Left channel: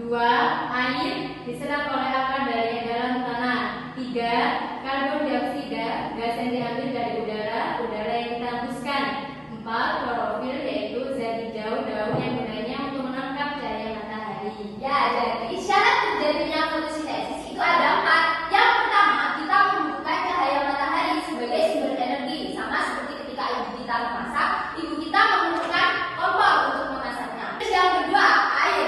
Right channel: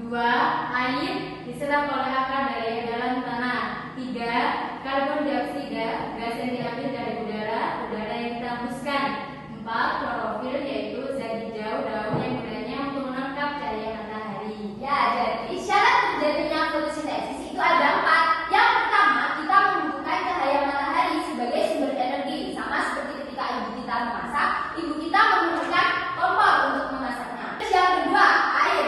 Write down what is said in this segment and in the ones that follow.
2. Air diserap oleh akar dari dalam tanah. 3. Karbon dioksida, gas yang diambil dari udara yang kita hembuskan. 4. Klorofil, yaitu zat hijau daun yang gunanya untuk menangkap cahaya matahari. Ya, jadi syarat terjadinya fotosintesis itu ada 4. Yang pertama, kita membutuhkan cahaya matahari sebagai sumber energi. Sama seperti ketika ibu kita memasak, ibu kita menggunakan kompor untuk memasaknya. Terus yang kedua, air.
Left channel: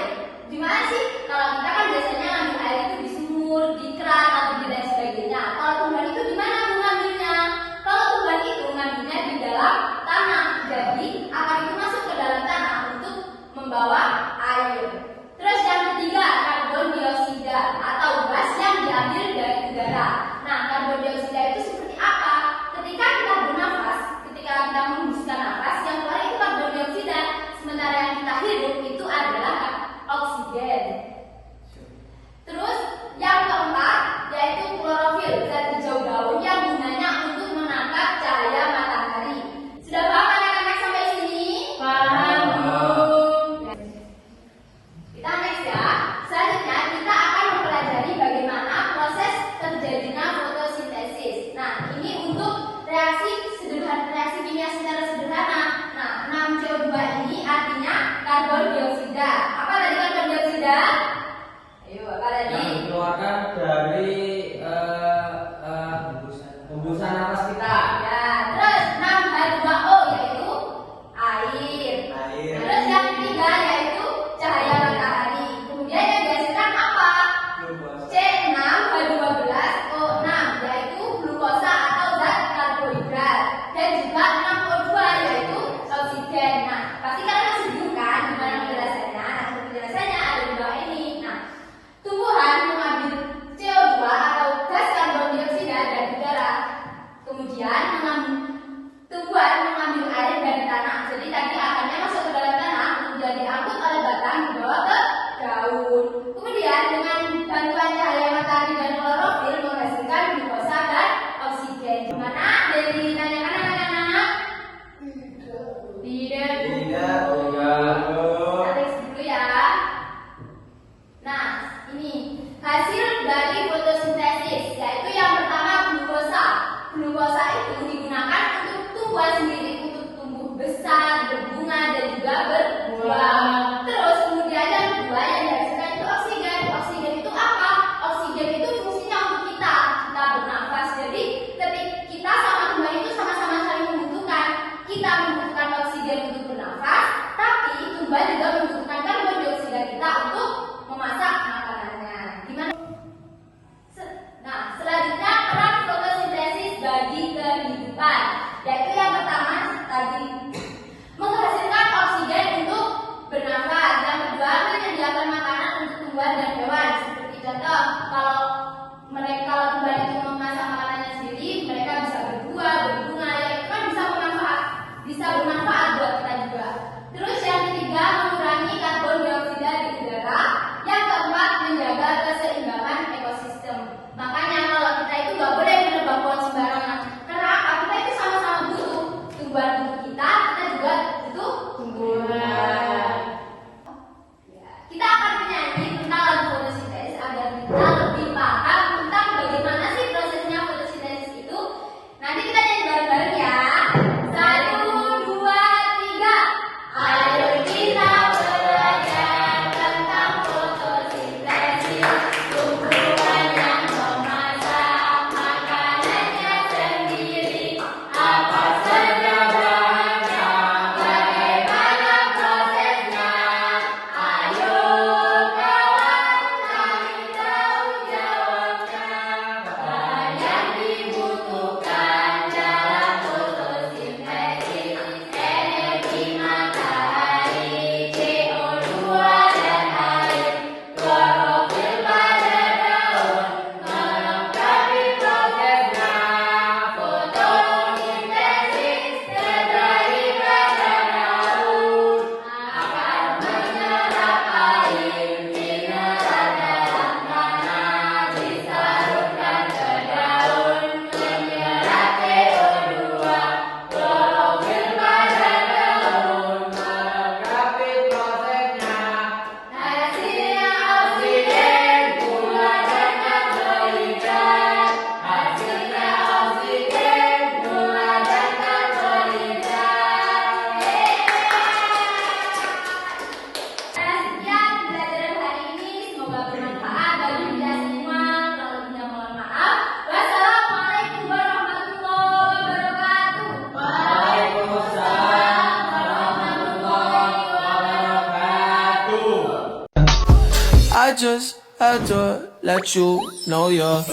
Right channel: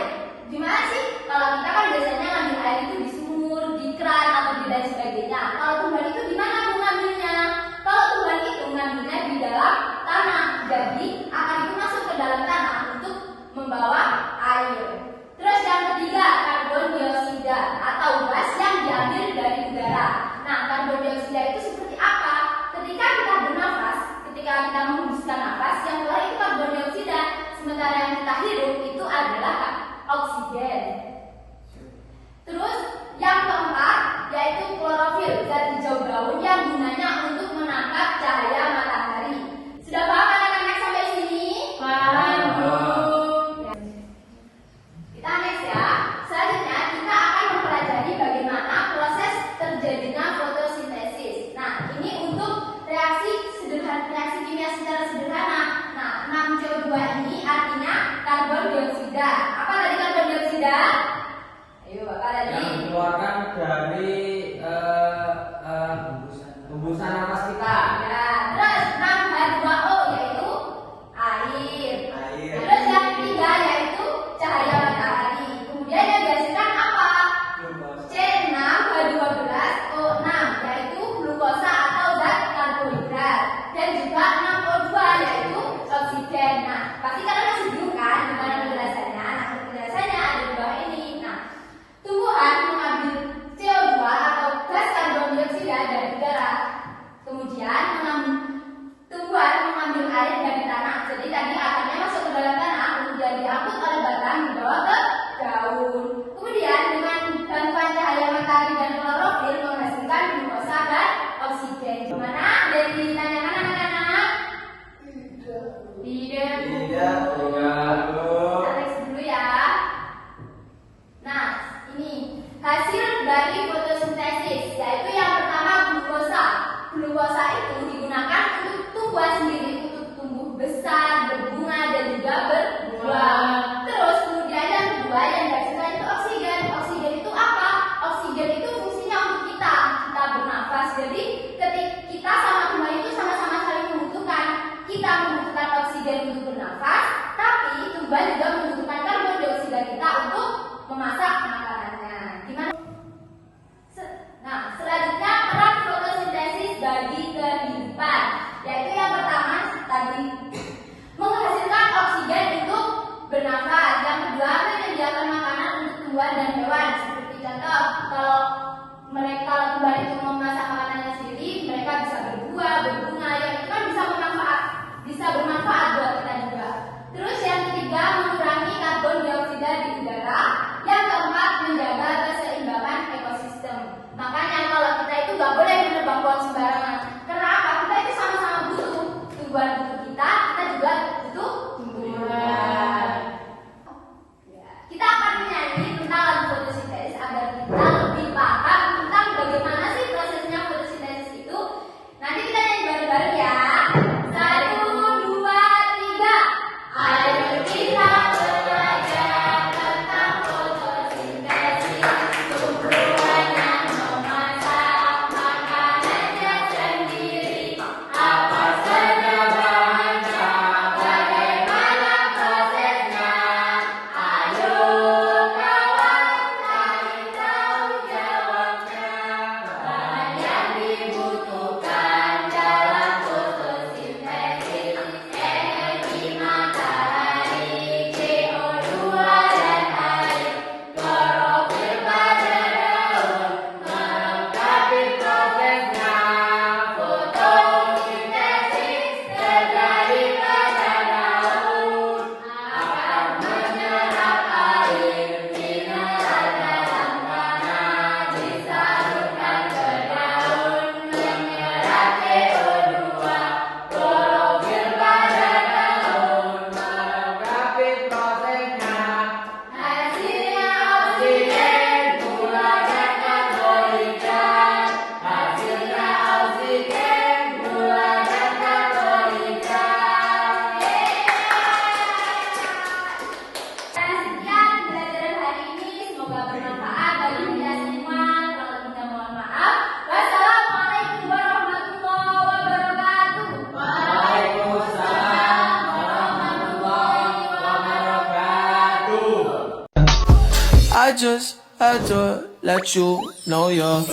Gimana sih? Kalau kita kan biasanya ngambil air itu di sumur, di keran, atau di lain sebagainya. Kalau Tuhan itu di mana mengambilnya? Kalau Tuhan itu ngambilnya di dalam tanah. Jadi akan itu masuk ke dalam tanah untuk membawa air. Terus yang ketiga, karbon dioksida atau gas yang diambil dari udara. Nah, karbon dioksida itu seperti apa? Ketika kita bernafas, ketika kita menghembuskan nafas, yang keluar itu karbon dioksida. Sementara yang kita hirup itu adalah oksigen. Terus yang keempat yaitu klorofil, zat hijau daun yang gunanya untuk menangkap cahaya matahari. Sudah paham anak-anak sampai sini? Paham, Bu. Kita next ya. Selanjutnya kita akan mempelajari bagaimana proses terjadinya fotosintesis. Nah, ini untuk reaksi kimia secara sederhana. Nah, 6CO2 ini artinya karbon dioksida. Apa tadi karbon dioksida? Ayo, apa tadi? Yang dikeluarkan dari hembusan nafas kita. Ya, terus 6H2O yaitu air. Air. Terus yang ketiga yaitu cahaya matahari. Kemudian yang dihasilkan apa? C6H12O6 yaitu glukosa atau zat karbohidrat. Dan juga 6O2 yaitu oksigen. Nah, pasti kalian masih bingung kan gimana penjelasannya? Nah, penjelasannya ada di bawah ini. Nah, tumbuhan mengambil CO2 atau gas karbon dioksida dari udara. Kemudian tumbuhan mengambil air dari tanah. Jadi tadi akarnya masuk ke dalam tanah, kemudian diangkut oleh batang dibawa ke daun. Kemudian dengan bantuan cahaya matahari dan klorofil menghasilkan glukosa dan oksigen. Gimana? Ada yang ditanyakan anak-anak? Tidak. Tidak, Alex dulu ya. Nah, ini hasil dari fotosintesis, yaitu yang pertama glukosa. Glukosa itu digunakan untuk tumbuhan sendiri, untuk tumbuh besar, berbunga dan juga berbuah. Terus kemudian yang kedua yang dihasilkan itu oksigen. Oksigen itu apa? Oksigen itu fungsinya untuk kita bernafas. Jadi ketika kita sama tumbuhan itu sama-sama saling membutuhkan. Kita membutuhkan oksigen untuk bernafas, tapi tumbuhan juga membutuhkan karbon dioksida kita untuk memasak makanannya. Gimana? Nah, selanjutnya peran fotosintesis bagi kehidupan, yaitu yang pertama tadi menghasilkan oksigen untuk bernafas, yang kedua menyediakan makanan untuk tumbuhan dan hewan. Seperti contoh, kalau tumbuhan itu memasak makanannya sendiri, mereka bisa berbuah, berbunga, ya itu kan bisa bermanfaat buat kita juga. Terus yang ketiga mengurangi karbon dioksida di udara. Yang keempat menjaga keseimbangan ekosistem. Makanya kalau kita itu nggak boleh menebang pohon sembarangan. Karena apa? Kita itu sama-sama butuh tumbuhan untuk kita juga butuh tumbuhan. Kita akan menyanyi tentang lagu fotosintesis agar kita lebih paham tentang bagaimana sih prosesnya fotosintesis itu. Nanti kita nyanyi bareng-bareng ya. 1, 2, 3. I just had to let you know you're